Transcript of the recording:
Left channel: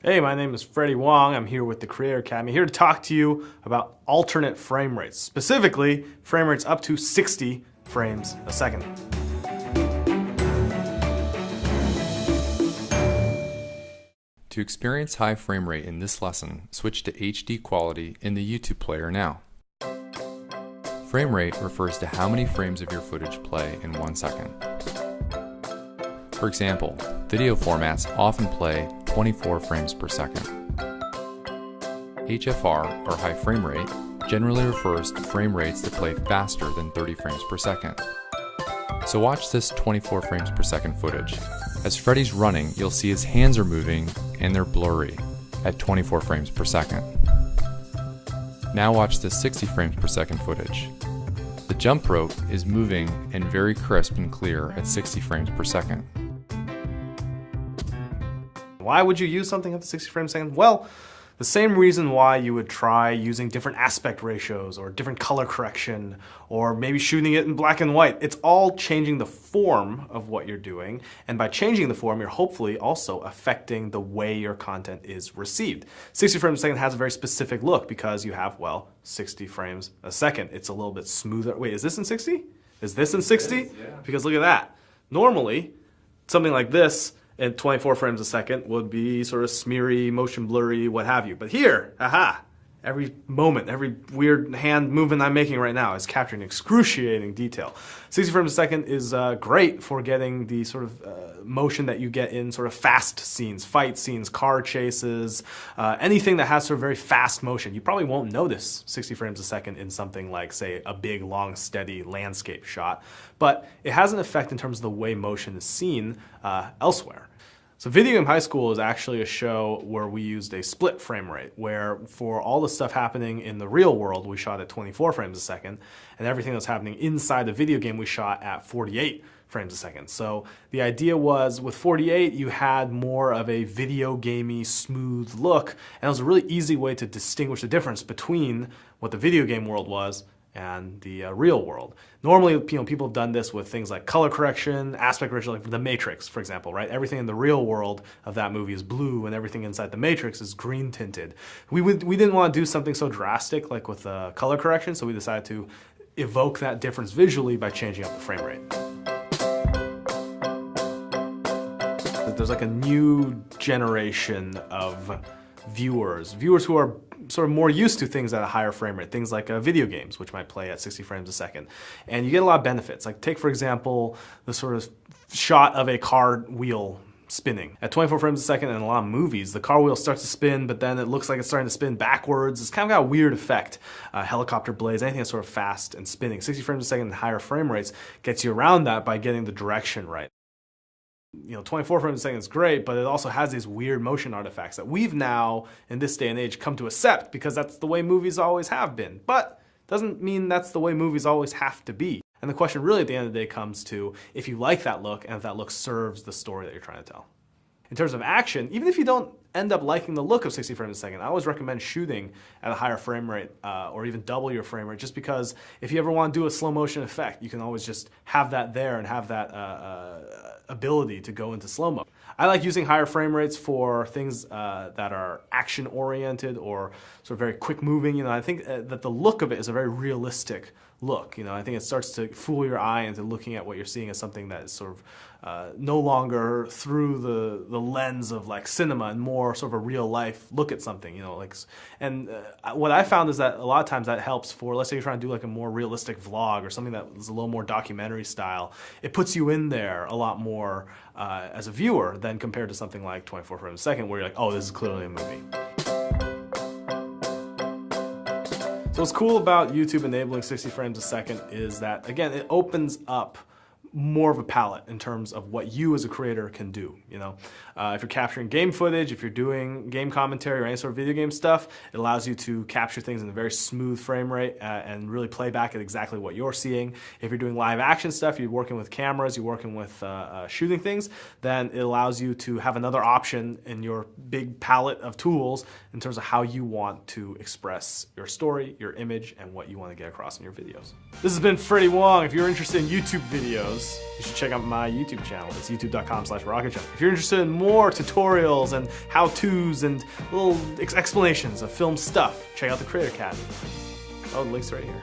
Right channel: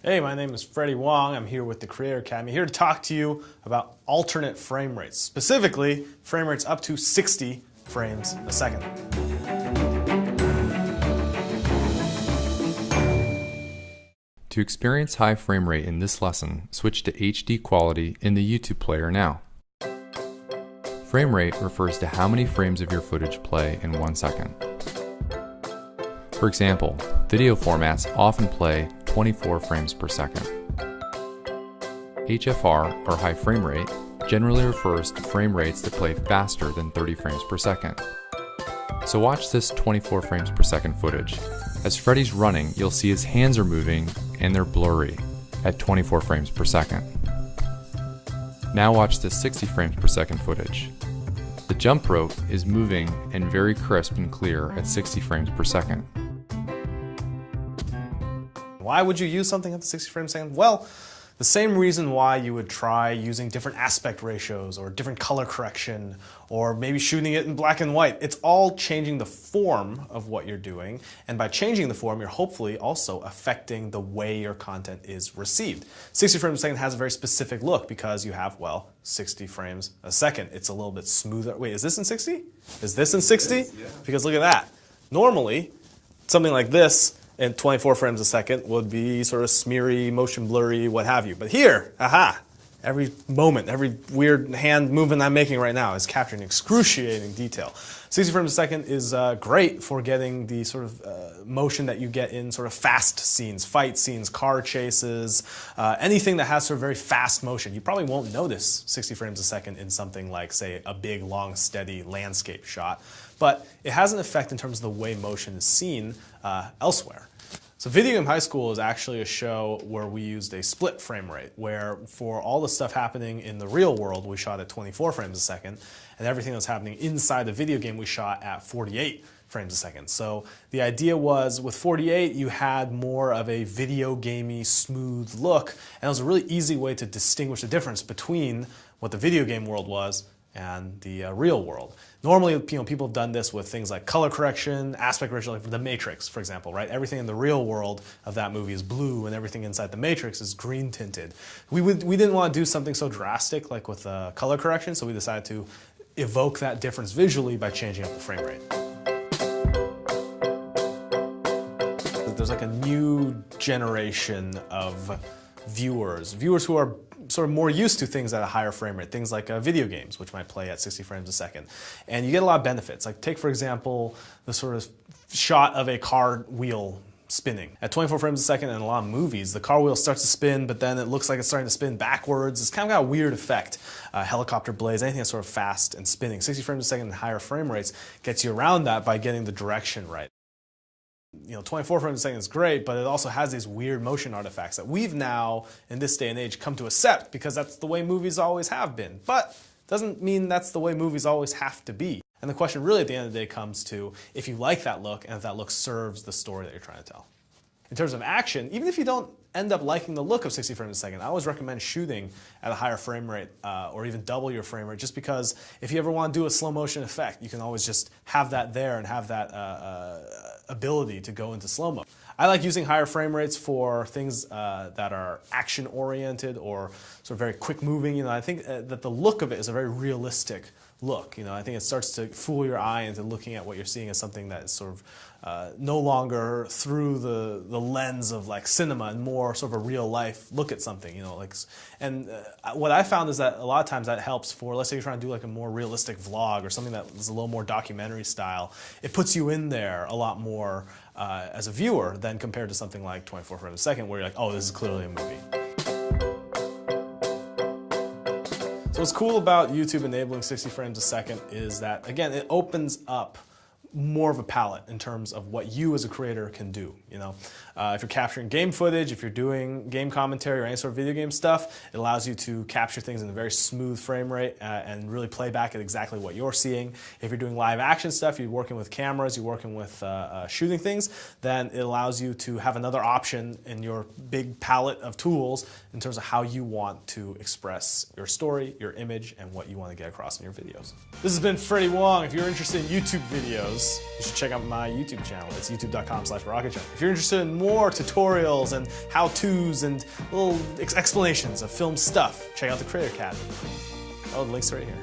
Hey, my name is Freddie Wong. I'm here with the Creator Academy, here to talk to you about alternate frame rates, specifically frame rates up to 60 frames a second. To experience high frame rate in this lesson, switch to HD quality in the YouTube player now. Frame rate refers to how many frames of your footage play in 1 second. For example, video formats often play 24 frames per second. HFR, or high frame rate, generally refers to frame rates that play faster than 30 frames per second. So watch this 24 frames per second footage. As Freddie's running, you'll see his hands are moving and they're blurry at 24 frames per second. Now watch this 60 frames per second footage. The jump rope is moving and very crisp and clear at 60 frames per second. Why would you use something at the 60 frames a second? Well, the same reason why you would try using different aspect ratios or different color correction or maybe shooting it in black and white. It's all changing the form of what you're doing, and by changing the form, you're hopefully also affecting the way your content is received. 60 frames a second has a very specific look because you have, well, 60 frames a second. It's a little bit smoother. Wait, is this in 60? Is this in 60? Yeah. Because look at that. Normally, something like this and 24 frames a second would be sort of smeary, motion blurry, what have you. But here, aha, every moment, every weird hand movement I'm making right now is capturing excruciating detail. 60 frames a second is great for getting the sort of motion that you get in sort of fast scenes, fight scenes, car chases, anything that has sort of very fast motion. You probably won't notice 60 frames a second in something like, say, a big, long, steady landscape shot, but it has an effect in terms of the way motion is seen elsewhere. So Video Game High School is actually a show where we used a split frame rate, where for all the stuff happening in the real world, we shot at 24 frames a second, and everything that's happening inside the video game, we shot at 48 frames a second. So the idea was with 48, you had more of a video gamey, smooth look, and it was a really easy way to distinguish the difference between what the video game world was and the real world. Normally, people have done this with things like color correction, aspect ratio, like The Matrix, for example, right? Everything in the real world of that movie is blue, and everything inside The Matrix is green tinted. We didn't want to do something so drastic like with color correction, so we decided to evoke that difference visually by changing up the frame rate. There's like a new generation of viewers who are sort of more used to things at a higher frame rate, things like video games, which might play at 60 frames a second. And you get a lot of benefits. Like take, for example, the sort of shot of a car wheel spinning. At 24 frames a second in a lot of movies, the car wheel starts to spin, but then it looks like it's starting to spin backwards. It's kind of got a weird effect. Helicopter blades, anything that's sort of fast and spinning. 60 frames a second and higher frame rates gets you around that by getting the direction right. 24 frames a second is great, but it also has these weird motion artifacts that we've now, in this day and age, come to accept because that's the way movies always have been. But doesn't mean that's the way movies always have to be. And the question really at the end of the day comes to if you like that look and if that look serves the story that you're trying to tell. In terms of action, even if you don't end up liking the look of 60 frames a second, I always recommend shooting at a higher frame rate or even double your frame rate, just because if you ever want to do a slow motion effect, you can always just have that there and have that ability to go into slow-mo. I like using higher frame rates for things that are action-oriented or sort of very quick-moving. I think that the look of it is a very realistic look. I think it starts to fool your eye into looking at what you're seeing as something that is sort of no longer through the lens of like cinema and more sort of a real life look at something, and what I found is that a lot of times that helps for, let's say you're trying to do like a more realistic vlog or something that is a little more documentary style. It puts you in there a lot more as a viewer than compared to something like 24 frames a second where you're like, oh, this is clearly a movie. So what's cool about YouTube enabling 60 frames a second is that, again, it opens up more of a palette in terms of what you as a creator can do. If you're capturing game footage, if you're doing game commentary or any sort of video game stuff, it allows you to capture things in a very smooth frame rate and really play back at exactly what you're seeing. If you're doing live action stuff, you're working with cameras, you're working with shooting things, then it allows you to have another option in your big palette of tools in terms of how you want to express your story, your image, and what you want to get across in your videos. This has been Freddie Wong. If you're interested in YouTube videos, videos, you should check out my YouTube channel. It's youtube.com/rocketjump. If you're interested in more tutorials and how-tos and little explanations of film stuff, check out the Creator Academy. Oh, the link's right here.